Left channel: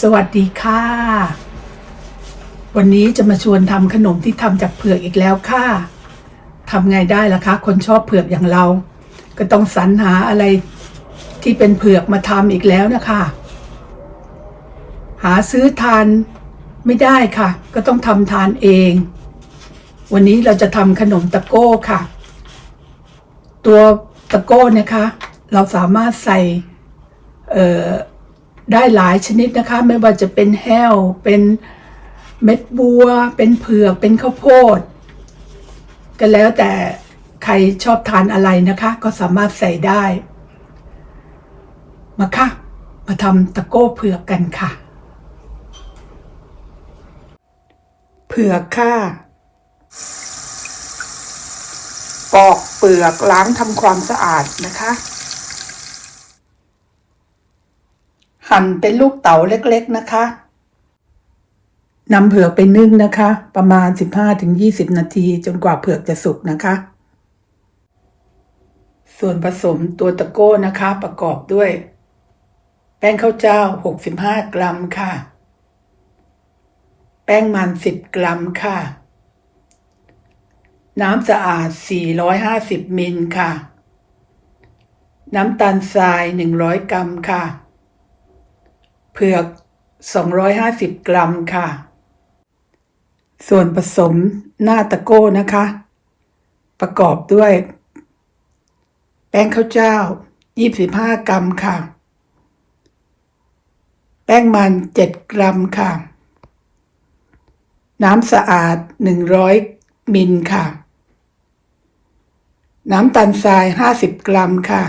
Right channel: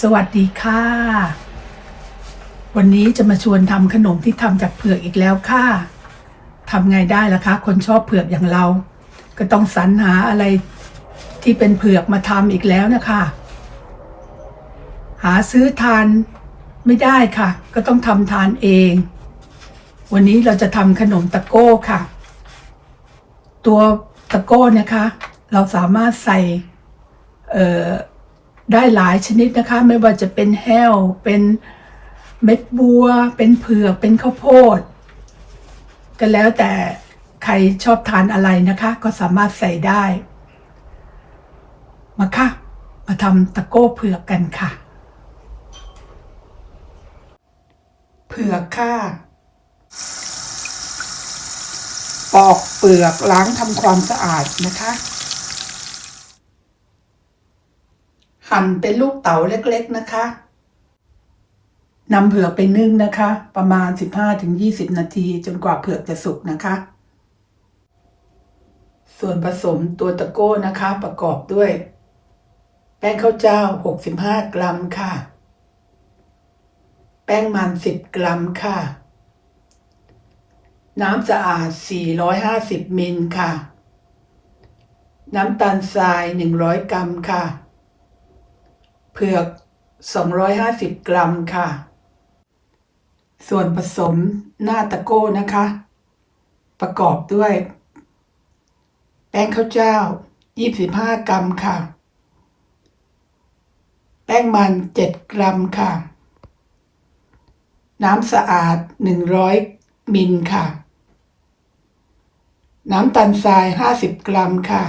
สวัสดีค่ะ วันนี้จะมาชวนทำขนมที่ทำจากเผือกอีกแล้วค่ะทำไงได้ล่ะคะ คนชอบเผือกอย่างเรา ก็ต้องสรรหาอะไรที่เป็นเผือกมาทำอีกแล้วนะคะ หาซื้อทานไม่ได้ค่ะ ก็ต้องทำทานเอง วันนี้เราจะทำขนมตะโก้ค่ะ ตัวตะโก้นะคะ เราสามารถใส่เอ่อ ได้หลายชนิดนะคะ ไม่ว่าจะเป็นแห้ว เป็นเม็ดบัว เป็นเผือก เป็นข้าวโพด ก็แล้วแต่ใครชอบทานอะไรนะคะ ก็สามารถใส่ได้ มาค่ะ มาทำตะโก้เผือกกันค่ะ เผือกค่ะปอกเปลือกล้างทำความสะอาดนะคะ หั่นเป็นลูกเต๋าเล็กๆนะคะนำเผือกไปนึ่งนะคะ ประมาณ 15-20 นาทีจนกว่าเผือกจะสุกนะคะ ส่วนผสมตัวตะโก้นะคะ ประกอบด้วย แป้งข้าวเจ้า 65 กรัมค่ะ แป้งมัน 10 กรัมค่ะ น้ำสะอาด 450มิลค่ะ น้ำตาลทราย 100 กรัมค่ะ เผือก 250 กรัมค่ะ ส่วนผสมหน้าตะโก้นะคะ ประกอบด้วย แป้งข้าวเจ้า 25 กรัมค่ะ แป้งมัน 7 กรัมค่ะ น้ำสะอาด 100 มิลค่ะ น้ำตาลทราย 50 กรัมค่ะ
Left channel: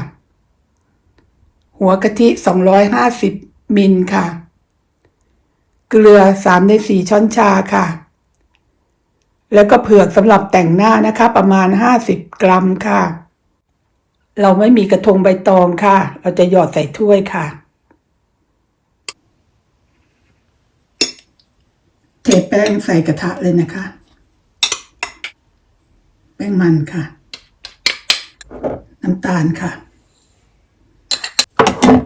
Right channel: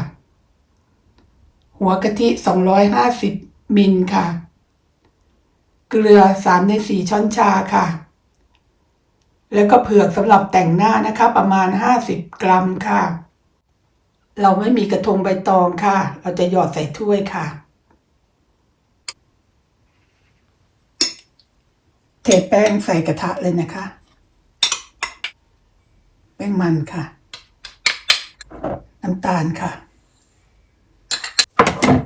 หัวกะทิ 250 มิลค่ะ เกลือ3ใน4ช้อนชาค่ะ แล้วก็เผือกสำหรับแต่งหน้านะคะ ประมาณ50กรัมค่ะ เราไม่มีกระทงใบตองค่ะ เราจะหยอดใส่ถ้วยค่ะเทแป้งใส่กระทะเลยนะคะ แป้งมันค่ะ น้ำตาลค่ะ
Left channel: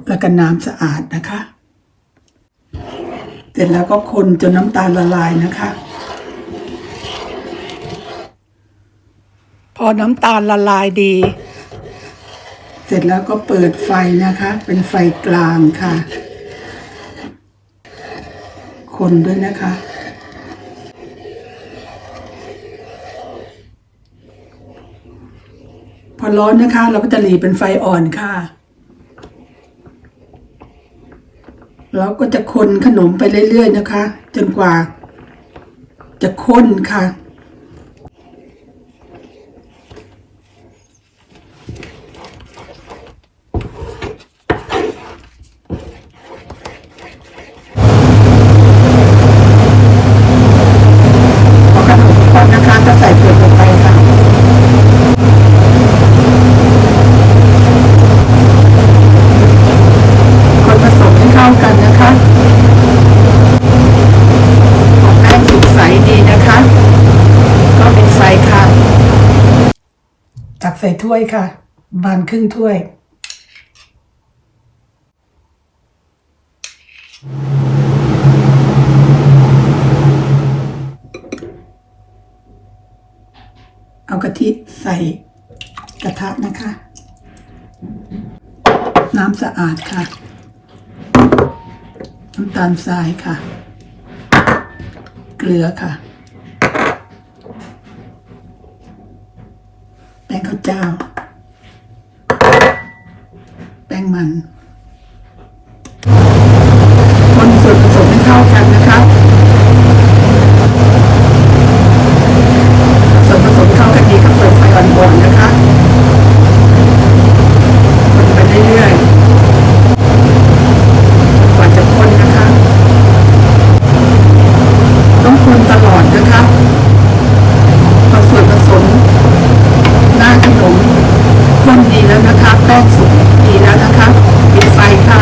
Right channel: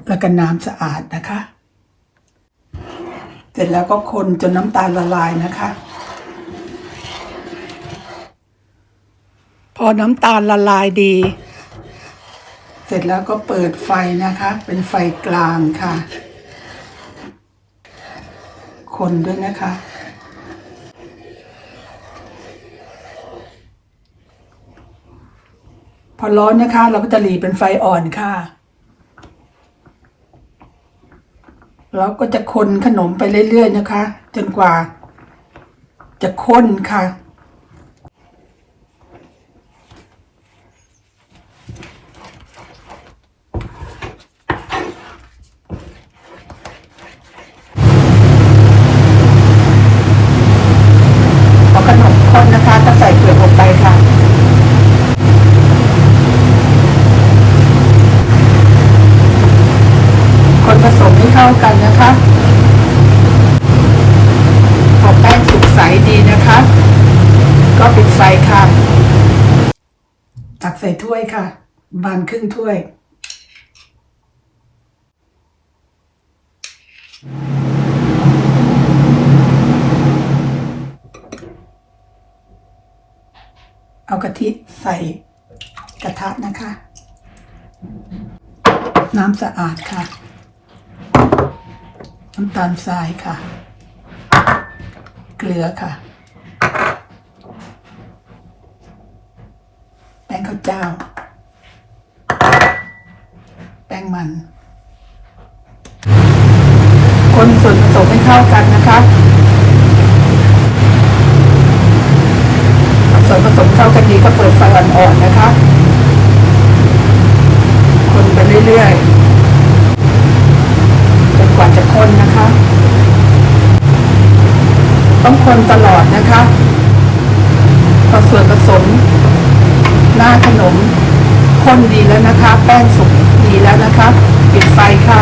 แล้วก็น้ำสะอาดนะคะ ร็จแล้วก็คนจนน้ำตาลละลายนะคะ พอน้ำตาลละลายดี เสร็จแล้วก็เปิดไฟนะคะ เป็นไฟกลางค่ะ คนด้วยนะคะพอร้อนนะคะ เราก็จะหลีเป็นไฟอ่อนค่ะ เรา ก็จะคนขนมไปเรื่อยๆนะคะ จนกว่า จะข้นค่ะ พอขนมข้นนะคะก็ใส่เกลือลงไปค่ะ คนผสมให้เข้ากันนะคะพอแป้งสุกใสดีนะคะ ก็ปิดไฟค่ะ ตัก ใส่ถ้วยค่ะ บานครึ่งถ้วย เอากะทิใส่กระทะนะคะ น้ำสะอาดค่ะ น้ำตาลทรายค่ะ เกลือค่ะ แป้ง ข้าวเจ้า แป้งมัน คนส่วนผสมให้เข้ากันนะคะผสมผสมเข้ากันดีก็เปิดไฟอ่อนๆนะคะคนไปเรื่อยๆ กว่าจะคนนะคะ ต้องคนตลอดนะคะพอส่วนผสมหน้าขนมข้นดีแล้วนะคะ แป้งสุกดีแล้วนะคะปิดไฟค่ะ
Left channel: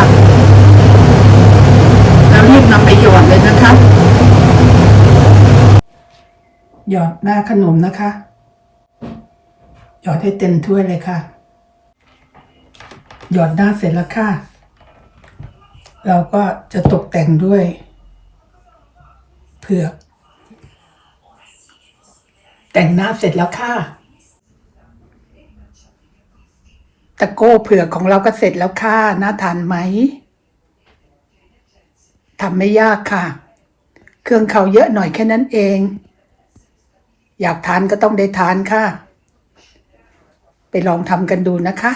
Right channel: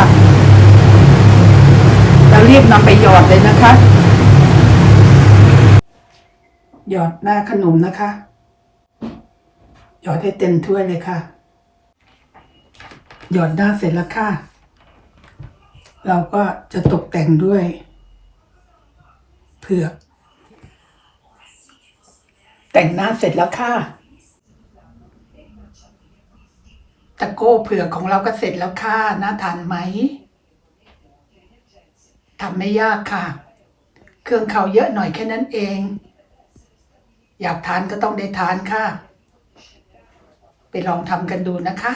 แล้วรีบนำไปหยอดเลยนะคะ หยอดหน้าขนมนะคะ หยอดให้เต็มถ้วยเลยค่ะ หยอดหน้าเสร็จแล้วค่ะ เราก็จะตกแต่งด้วย เผือก แต่งหน้าเสร็จแล้วค่ะ ตะโก้เผือกของเราก็เสร็จแล้วค่ะ น่าทานไหมทำไม่ยากค่ะ เครื่องเขาเยอะหน่อยแค่นั้นเอง อยากทานก็ต้องได้ทานค่ะ ไปลองทำกันดูนะคะ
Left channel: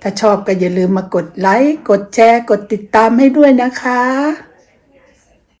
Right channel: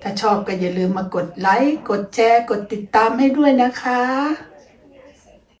ถ้าชอบก็อย่าลืมมากดไลค์ กดแชร์ กดติดตามให้ด้วยนะคะ